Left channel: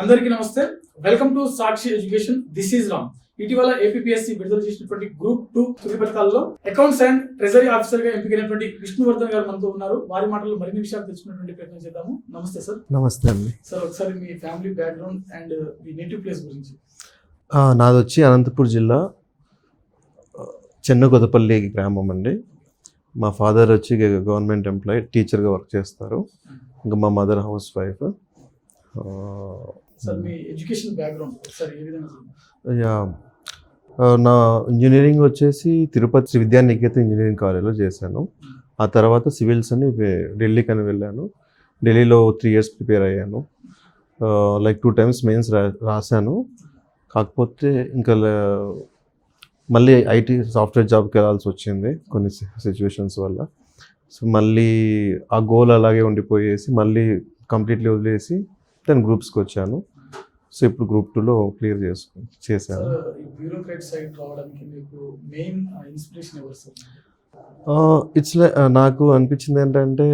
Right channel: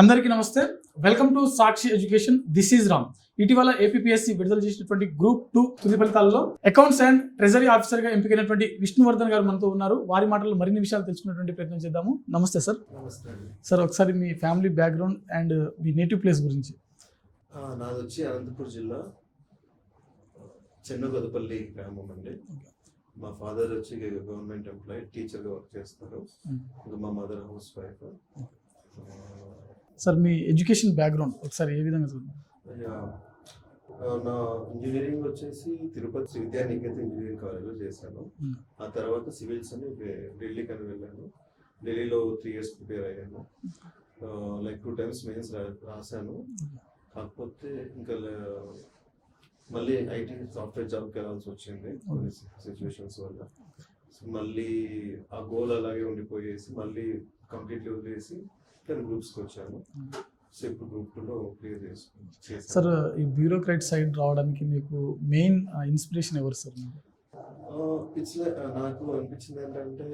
అందరికీ నమస్తే. Welcome to Sakshi education. This is Ram. ఇటీవల ఏపీఎస్సీ విడుదల చేసినటువంటి గ్రూప్ 2 తుది ఫలితాల్లో అకౌంట్స్ అండ్ ట్రెజరీ ఆఫీసర్ గా ఎంపికైనటువంటి విష్ణువర్ధన్ గారు మనతో ఉన్నారు. వారి మాటల్లో మరిన్ని విషయాలు తెలుసుకునేటువంటి ప్రయత్నం చేద్దాము. నమస్తే సార్. నమస్తే అండి సార్, ఒకసారి మీ ఫ్యామిలీ బ్యాక్గ్రౌండ్ అండ్ మీ నేటివ్ ప్లేస్ గురించి. నాది వచ్చి అనంతపూర్ జిల్లా చెన్నగొదపల్లి గ్రామం అండి. మా ఫాదర్ వచ్చి గవర్నమెంట్ ఎంప్లాయీ, టీచర్గా వర్క్ చేస్తారు. ఇంకా మా మదర్ హౌస్ వైఫ్. సార్, మీ ఎడ్యుకేషన్ బ్యాక్గ్రౌండ్ ఒకసారి ఏ విధంగా? నా ఇంజనీరింగ్ వచ్చేసి తిరుపతి శ్రీ విద్యానికేతన్ ఇంజనీరింగ్ కాలేజ్లో చేశాను. ఆ తర్వాత సివిల్స్ అని ఢిల్లీకి అని వెళ్ళాను. ఢిల్లీలో 3 years ప్రిపేర్ అయ్యాను. లైక్ 2 times మెయిన్స్ రాశాను. కాకపోతే ఇంకా మళ్ళీ ఐటీ సాఫ్ట్వేర్ జాబ్కి వెళ్ళాల్సి వచ్చింది కొన్ని సిచ్యువేషన్స్ వల్ల. సో మళ్ళీ ఆ గోల్ అలాగే ఉండిపోయేసి మళ్ళీ కంప్లీట్లీ వదిలేసి నేను గ్రూప్స్కి వచ్చాను. సో ఇప్పుడు గ్రూప్ 2లో క్లియర్ చేశాను. సార్, ఈ బ్యూరోక్రాట్ సైడ్ రావడానికి మీకు మెయిన్ ఇన్స్పిరేషన్ ఎవరు సార్? ఇట్స్ నాకు అనిపించింది ఏంటంటే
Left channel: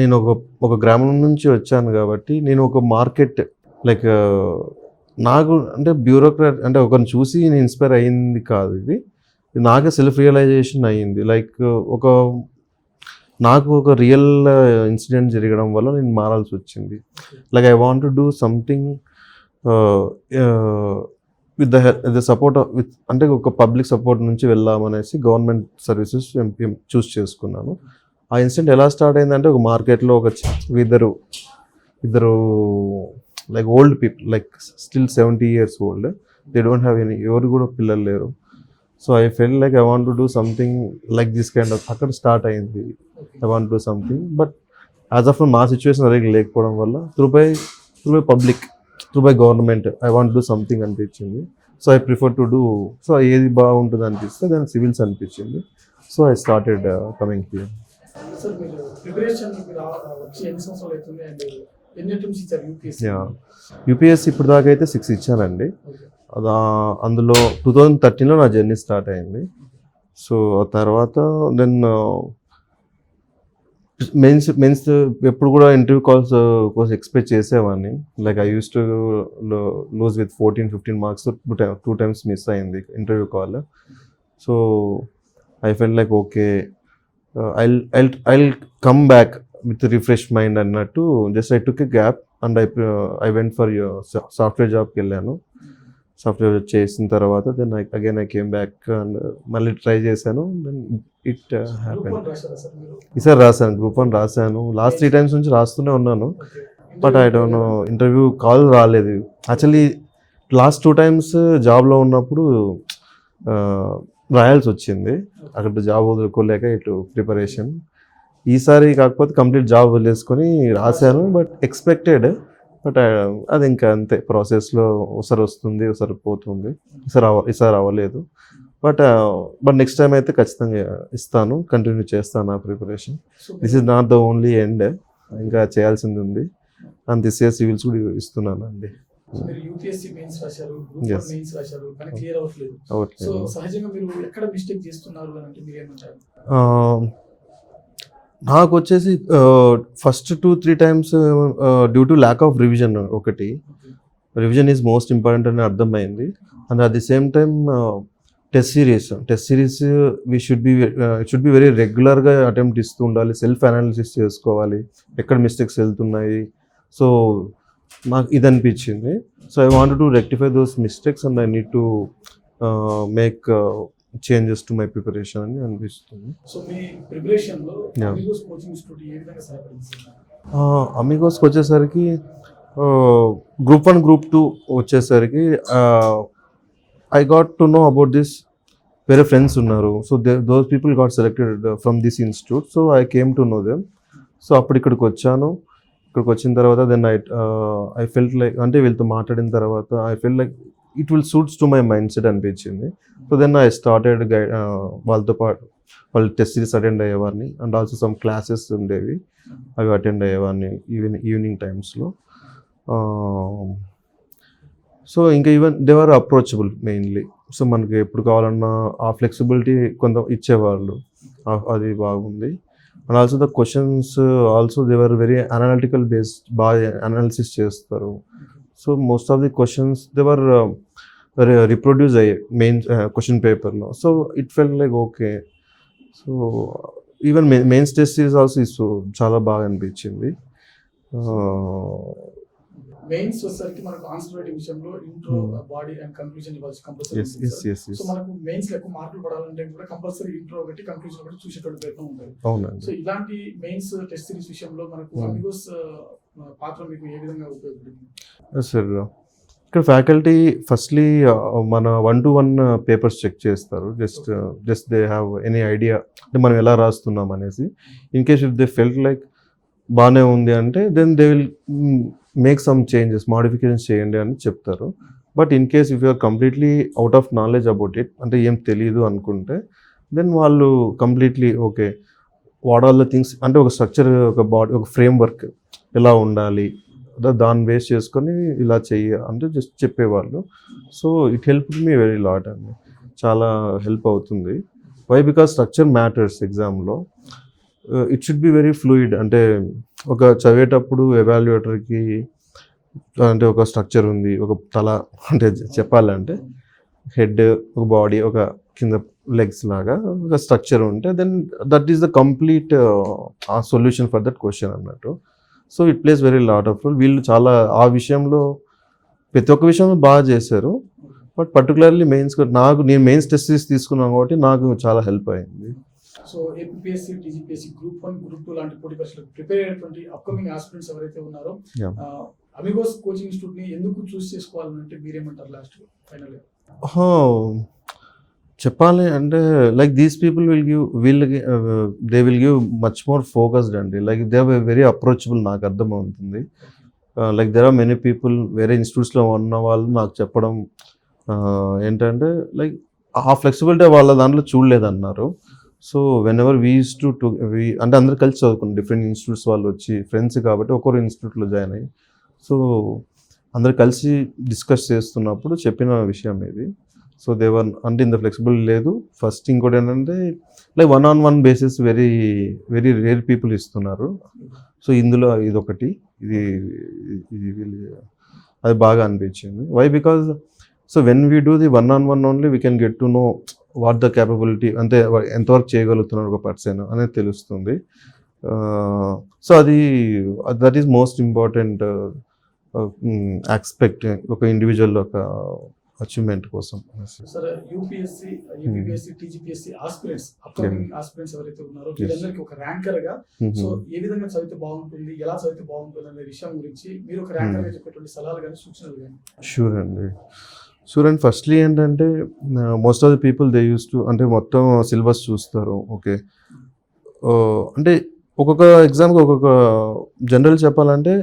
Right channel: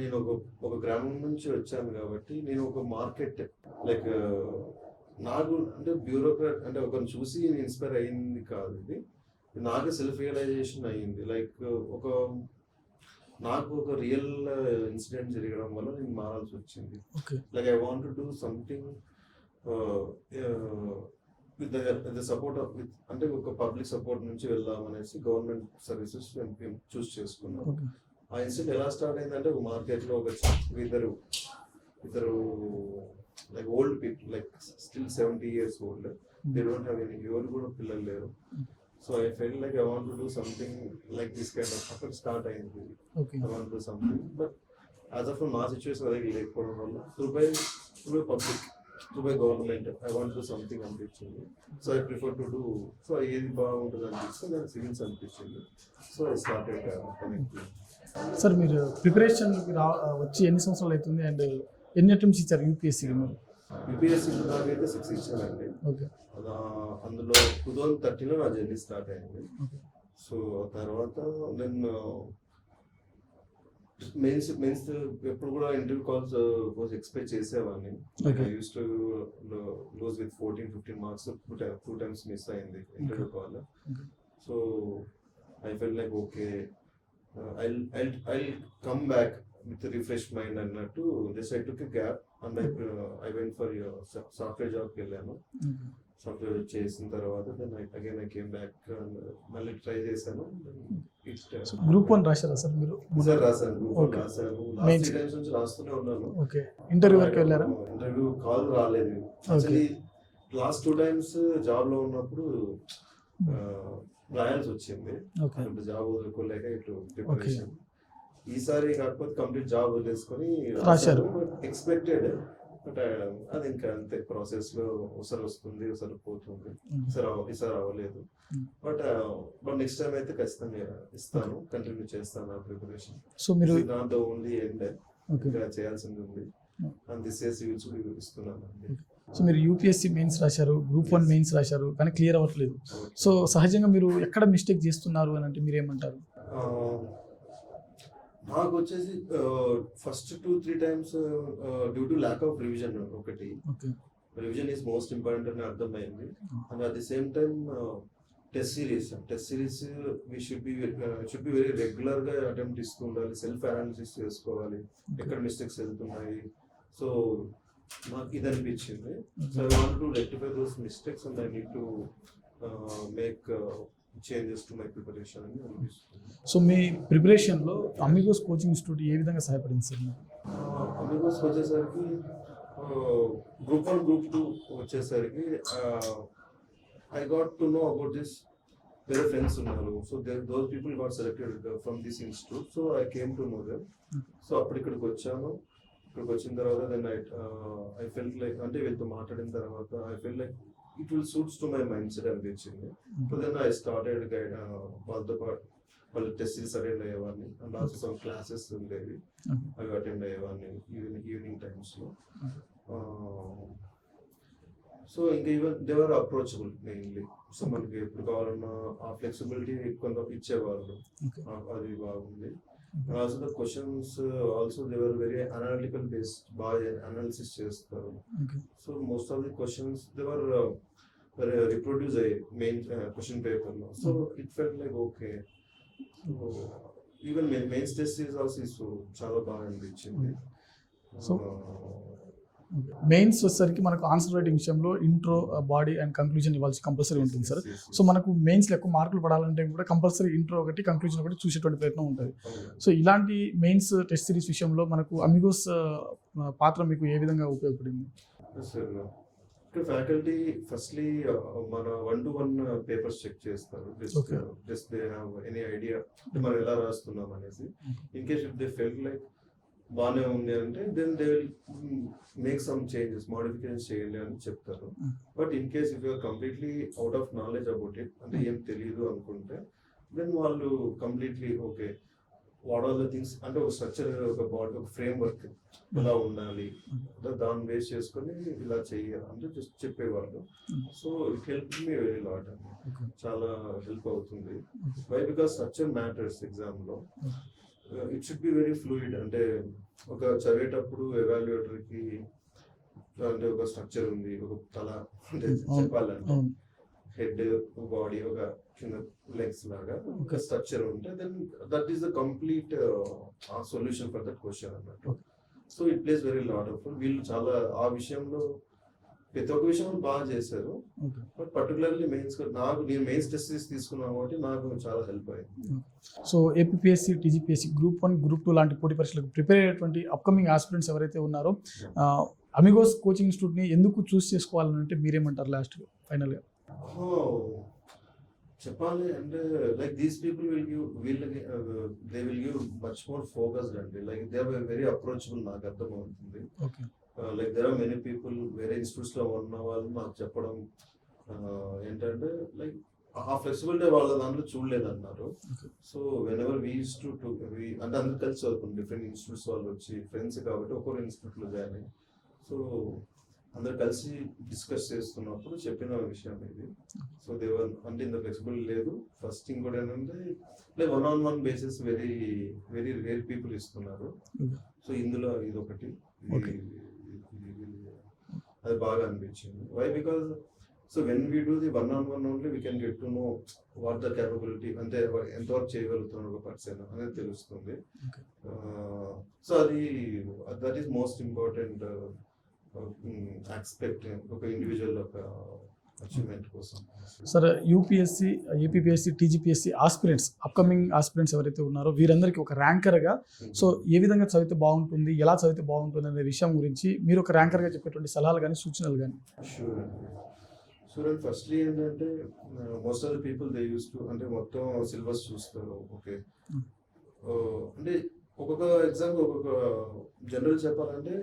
నేను ఒక గ్రామం నుంచి వచ్చాను కాబట్టి నేను ఒక మార్కెట్ లైక్ నాకు అంటే బ్యూరోక్రాట్ అంటే ఒకరిని చూసి నేను ఇన్స్పైర్ అయ్యింది కాదు. ఇది నాకే సెల్ఫ్ రియలైజేషన్ అయ్యింది. లైక్ నాకు ఒక రియల్ ఇన్సిడెంట్ జరగడం వల్ల నేను మారాల్సి వచ్చింది. Like I want to do something with the support with అంటే ఒక పబ్లిక్ సపోర్ట్ నుంచి వెళ్దామనేసి గవర్నమెంట్ సర్వీసెస్ చూస్ చేసుకున్నాను. ఆ ఇన్సిడెంట్ ఎలా స్టార్ట్ అయిందంటే ఒక మార్కెట్లో ఇద్దరు like old people, like still 70 years old, they don't have any, ఎవరు కూడా పిల్లలు లేరు. So I fell like I want to do something like this kind of, అక్కడ స్టార్ట్ అయింది. I want do something, but as of మా situation అదే లేకపోవడం వల్ల through by public, through by government I want do something అనిపించింది. So I prefer to do, so ఏది బాగుంటుంది అనిపిస్తే దాని సివిల్స్ అనిపించింది. So I started coming here. Sir, మీరు ప్రిపరేషన్ వచ్చి ఎన్ని సంవత్సరాలు అవుతుంది అండ్ ఎన్ని అటెంప్ట్స్ ఇచ్చారు యూపీఎస్సీ? యూపీఎస్సీ ఇప్పుడు దాకా అయితే 6 ఇచ్చానండి. అందులో 2013లో నా జర్నీ స్టార్ట్ అయింది. సో ఆ తర్వాత దెన్ మెయిన్స్ ఎప్పుడు కూడా ఇంటర్వ్యూ కాల్స్ కోసం ఎక్స్పెక్ట్ చేసేవాడిని. Like I use to lose with 14-15 marks. 2 times miss అయింది interview call. So I fell like okay, I'll come back with refresh mind అన్నట్టు just I took a gap and I went for software జాబ్కి వెళ్ళాను. Software చేసిన తర్వాత then again I came back and మళ్ళీ try చేశాను. Then ఈసారి రాశాను, group 1 రాశాను. లాస్ట్ 3 times నుంచి రాస్తూనే ఉన్నాను. But I don't know, interview call రాలేదు. యాక్చువల్లీ లాస్ట్ 2 times జాబ్లో ఉన్నప్పుడు రాయాల్సి వచ్చింది. అక్కడ జాబ్ వదులుకోలేక ఇటు ప్రిపరేషన్. ఈసారి కాకపోతే కంప్లీట్ జాబ్ వదిలేసుకొని రాశాను. బట్ ఎక్స్పెక్టెడ్, బట్ అది ఇంకా అంతే, ప్రాసెస్లో ఒకసారి వస్తుంది ఒకసారి పోతుంది. ఈసారి అవ్వలేదు. బట్ నెక్స్ట్ టైం అయితే ఖచ్చితంగా ఇస్తాను, కంటిన్యూ చేస్తాను నా preparation. This is not the only end, ఇంకా చేయాల్సింది ఉంది. అండ్ దిస్ ఇయర్ సివిల్స్ కూడా ఇస్తున్నాను అండి. సో మీరు యూపీఎస్సీ మెయిన్స్ రాశారు, గ్రూప్ 1 మెయిన్స్ రాశారు, కానీ క్లియర్ అవ్వట్లేదు. సో సహజంగా మీరు ఎక్కడ మిస్టేక్ చేస్తున్నారు అని అంటే మీరు ఏమంటారు? నాకు వచ్చేసి first 2-3 times due to lack of revision. ఒకటి, రివిజన్ ఈజ్ మోస్ట్ ఇంపార్టెంట్ అని అర్థమైంది. And at the same time test series we should be very రెగ్యులర్గా అటెంప్ట్ ఇస్తూ ఉండాలి. సెల్ఫ్ అనాలిసిస్ చేసుకోవాలి, ఎక్కడ మిస్టేక్స్ వెళ్తున్నాయి. సో నాకు ఇది అనిపించింది. So I want to rectify those mistakes and I need to make changes to my preparation అని అనిపిస్తుంది. సో మీ ప్రిపరేషన్లో అమిగోస్ కోచింగ్ ఇన్స్టిట్యూట్ ఏ విధంగా సహాయపడింది సార్? అమిగోస్కి వచ్చేసరికి గ్రూప్ 1 గ్రూప్ 2 వచ్చేసరికి I got to know about this. వేరే ఫ్రెండ్స్ ఉన్నారు. So those people got selected from this institute. So I came to know them. So అప్పుడు ఇక్కడికి వచ్చాను. ఇక్కడికి వచ్చిన తర్వాత దెన్ ఐ ఫెల్ట్ లైక్, అంటే వీళ్ళతో మాట్లాడిన తర్వాత I felt like it will suits to my mind set అనిపించింది. సో దెన్ ఐ స్టార్టెడ్ వాళ్ళతో పాటు వాళ్ళు టెస్ట్ సిరీస్ అటెండ్ అయ్యేవాడిని. అండ్ ఆల్సో సమ్ క్లాసెస్ ఉండేవి, అవి అటెండ్ అయ్యేవాడిని ఈవినింగ్ టైమ్స్లో. సో ఇంకా even they are approachable mainly. So మనకి ఎప్పుడు కావాలన్నా ఆ ఫ్లెక్సిబిలిటీ కొంత ఇచ్చేవాళ్ళు, అది బాగుంది. And also the questions also they were very analytical based, బాగా అనాలిసిస్ చేస్తారు. So most of the questions they were reproduce అయ్యాయి మెయిన్ క్వశ్చన్ పేపర్లో. So it felt like okay. So even mains test series also so చాలా బాగా అనిపించింది. మెయిన్స్ వచ్చేసరికి మనకు ఆన్సర్ రైటింగ్ విషయంలో ఇంట్రో, బాడీ అండ్ కంక్లూజన్ ఇవ్వాల్సి కంపల్సరీ ఉంటుంది సార్. సో మనకు మెయిన్స్ లో ఎక్కువ మార్కులు పడాలంటే కూడా కంపల్సరీ ఇంట్రో ఒకటి, కంక్లూజన్ ఒకటి చూసేటువంటి ప్రయత్నం ఉంటుంది. సో ఇలాంటి మెయిన్స్ టెస్ట్ సిరీస్ విషయంలో మనకు అమిగోస్ పాత్ర మీకు ఏ విధంగా ఉపయోగపడింది? సార్ ఇక్కడ ఫ్యాకల్టీ ఫస్ట్లీ మన 1-to-1 పేపర్స్ చెక్ చేస్తారు. Just they have any idea అంటే మనం ఎలా రాస్తున్నాం అనేసి. In case if they felt like బాగానే ఉంది అంటే then they will make some changes, modifications చేయండి అని చెప్తారు. But in case if you are completely out of knowledge about it, అంటే ఏం తెలియదు అనుకుంటే దెన్ వాళ్ళు completely okay what all the things అంటే ఒక స్ట్రక్చర్, ఒక బాడీ, ఒక ఫ్రేమ్ వర్క్ ఎలా ఉండాలి దాన్ని బేస్ చేసుకొని ఇలా చెయ్య అంటే జస్ట్ చెప్పేవాళ్ళు. So it help me very lot అండి, చాలా హెల్ప్ అవుతుంది. వై? బికాస్ స్ట్రక్చర్ మ్యాటర్స్ ఎగ్జామ్లో. It should be very fluid. అంటే ఒక చదివేటప్పుడు ఎవాల్యుయేటర్కి అంటే ఒక స్ట్రక్చర్ ఉంది, ఒక తల అంటే చెప్పాలంటే హెడ్, ఒక బాడీ, ఒక కింద లెగ్స్ లాగా ఒక స్ట్రక్చర్ ఉంటే then that is the complete solution for that question అన్నట్టు. So it plays very lot of role. వీళ్ళు చాలా ఆ విషయంలో ప్రతి ఒక్క విషయంలో బాగా చేశారు. బట్ పర్టికులర్లీ నేను మెయిన్స్ టెస్ట్ తీసుకున్నాను కాబట్టి నాకు చాలా హెల్ప్ అయింది. So APSC, TGPSC, group 1, group 2 లాంటి పోటీ పరీక్షలకు ప్రిపేర్ అయ్యేటువంటి అప్కమింగ్ ఆస్పిరెంట్స్ ఎవరైతే ఉన్నారో అమిగోస్ కోచింగ్ ఇన్స్టిట్యూట్ని ఎందుకు చూస్ చేసుకోవాలంటే మీరేమంటారు లాస్ట్ ఫైనల్గా? చెప్పాలి అంటే like these people they will give much more focused అండి. Like they are very approachable, నాకు అర్థమవుతుంది. Like there are many people వేరే ఇన్స్టిట్యూట్స్లో ఉన్న వాళ్ళు నాకు చెప్పడం ఏంటంటే లైక్ ఆ ఫ్లెక్సిబిలిటీ వాళ్ళ దాంట్లో చూడలేదన్నారు. So whenever we use to అంటే అందరు కలిసి చదువుకున్నాం, డిఫరెంట్ ఇన్స్టిట్యూట్స్ వాళ్ళు వచ్చి ఫ్రెండ్స్ కాబట్టి ఒక్కొరు ఇన్స్టిట్యూట్లో జాయిన్ అయ్యి సో అందరు కలిసి డిస్కస్ చేస్తున్నప్పుడు చెప్పిన విషయం ఇది. సో దేవర్ అంటే ఇంత ఫ్లెక్సిబుల్ లేదు. ఫస్ట్ ఇంకోటి ఏంటంటే like 1-on-1 basis very very rare people ఇస్తున్నారు. సో ఇందులో ఇదొకటి, అది బాగా అనిపించింది. Why? Because so when we do the 1-on-1 only we can get to know what the capability, అంటే ఎంతవరకు చేయగలుగుతున్నారు ఒక పర్సన్ అనేది తెలుస్తుంది. So that is most important aspect ఒక ఇండివిజువల్ ఒక అచీవ్మెంట్ కోసం. Sir UPSC, APSC, TGPSC aspirants, upcoming aspirants ఎవరైతే ఉన్నారో వీరందరికీ ఒక ర్యాంకర్గా సో ఏ విధంగా చదివితే బాగుంటుంది, ఎలా చదివితే బాగుంటుంది అనే విషయం గురించి మీరు ఒక ర్యాంకర్గా చెప్పేటువంటి సలహాలు కానీ సూచనలు కానీ? షూర్ అండి. ఫస్ట్లీ ఏంటంటే most of the people they use to అంటే మొత్తం సిలబస్ చూస్తారు. ఓకే, అంటే ఒక్కొక్క ఎగ్జామ్కి ఒక్కొక్క జనరల్ చెప్పాలంటే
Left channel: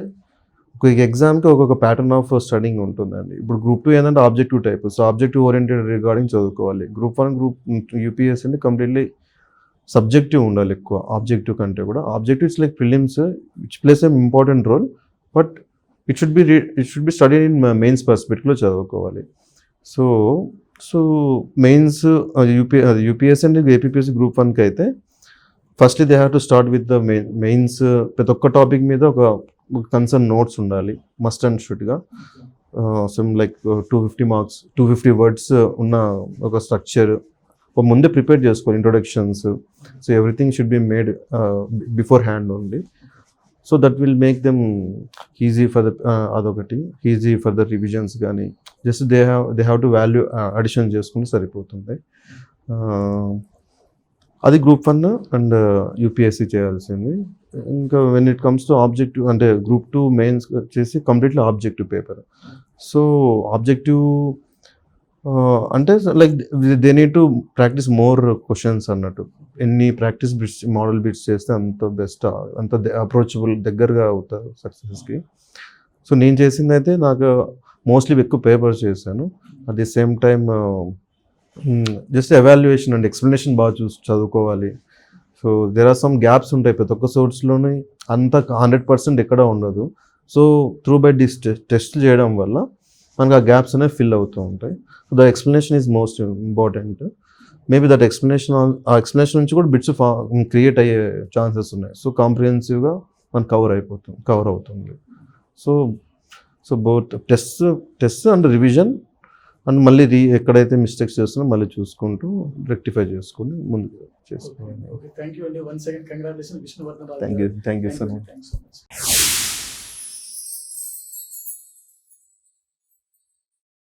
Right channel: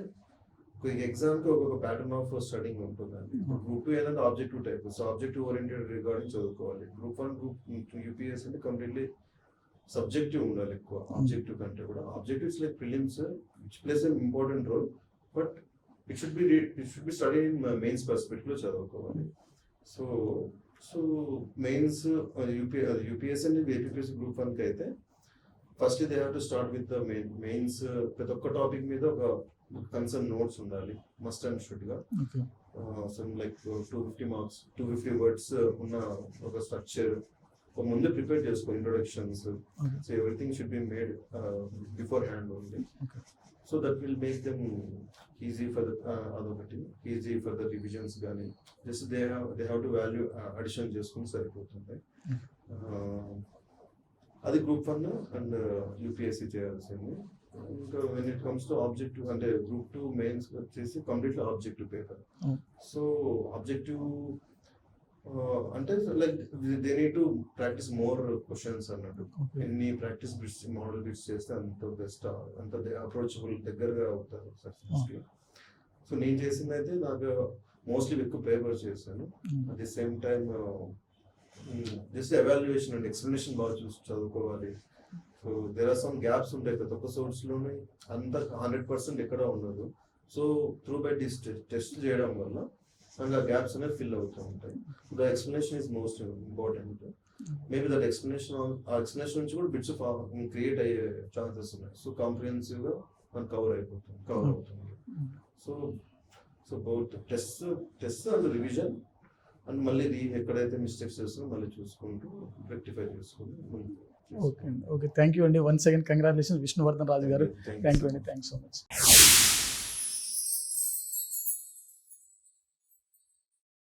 ఒక్కొక్క ఎగ్జామ్కి ఒక్కొక్క ప్యాటర్న్ ఆఫ్ స్టడీయింగ్ ఉంటుందండి. ఇప్పుడు గ్రూప్ 2 ఏంటంటే objective type, so objective oriented regarding చదువుకోవాలి. గ్రూప్ 1, గ్రూప్ యూపీఎస్సీ అంటే కంప్లీట్లీ సబ్జెక్టివ్ ఉండాలి ఎక్కువ, ఆబ్జెక్టివ్ కంటే కూడా. Objectives like prelims which plays a important role, but it should be study in mains పర్స్పెక్టివ్లో చదువుకోవాలి. So mains UPSC and APSC group 1కి అయితే firstly they have to start with the mains. ప్రతి ఒక్క టాపిక్ మీద ఒక కన్సర్న్ నోట్స్ ఉండాలి must and షుడ్గా. సమ్ లైక్ 250 మార్క్స్, 250 వర్డ్స్ ఉన్న ఒక స్ట్రక్చర్ ముందే ప్రిపేర్ చేసుకోవాలి. Introductions, so everything should be made beforehand only. So that will make them easy for the అదొకటి, ఈజీ ఫర్ ద రివిజన్స్ కానీ. Just they have to value addition చేసుకుంటే సరిపోతుంది. అది group 1 and UPSC చేయాల్సింది. ఇంకా when it comes to objective అంటే group 2 mains వచ్చేసి completely objective paper. So objective అంటే like they need to practise more questions అన్నట్టు. ఎన్ని ప్రాక్టీస్ బిట్స్, మోడల్ బిట్స్ చేస్తే అంత బెస్ట్, అంత అప్రోచబుల్, దగ్గరగా అవుతారు సక్సెస్కి. సో నేను చేసింది అయితే నాకు మోస్ట్లీ ఎక్కువ పేపర్స్ చేశాను. At the same time just evaluation and explanation బాగా చదువుకోవాలి. So there are some gaps ఉంటాయి ప్రతి ఒక్క సోర్స్లోని, అంత 100% ఎక్కడ ఉండదు. So through by this test చేయడం వల్ల మనకు ఆ గ్యాప్స్ అనేవి ఫిల్ అవుతూ ఉంటాయి. So the explanation is most important. Maybe that explanation ఆ ఎక్స్ప్లెనేషన్ నుంచి కూడా బిట్స్ క్రియేట్ అయ్యే ఛాన్సెస్ ఉన్నాయి. సో కాంప్రిహెన్సివ్గా మనకు కవర్ అవుతుంది. So both test and revision and మళ్ళీ ఎక్కడైతే మిస్టేక్స్ చేస్తున్నా మళ్ళీ చూసుకుంటూ రెక్టిఫై చేసుకుని ముందు చేసుకోవాలి. ఓకే థ్యాంక్ యూ అండి. వన్స్ అగైన్ కంగ్రాచులేషన్ విష్ణువర్ధన్ రాజు గారు. Thank you so much. Thank you so much.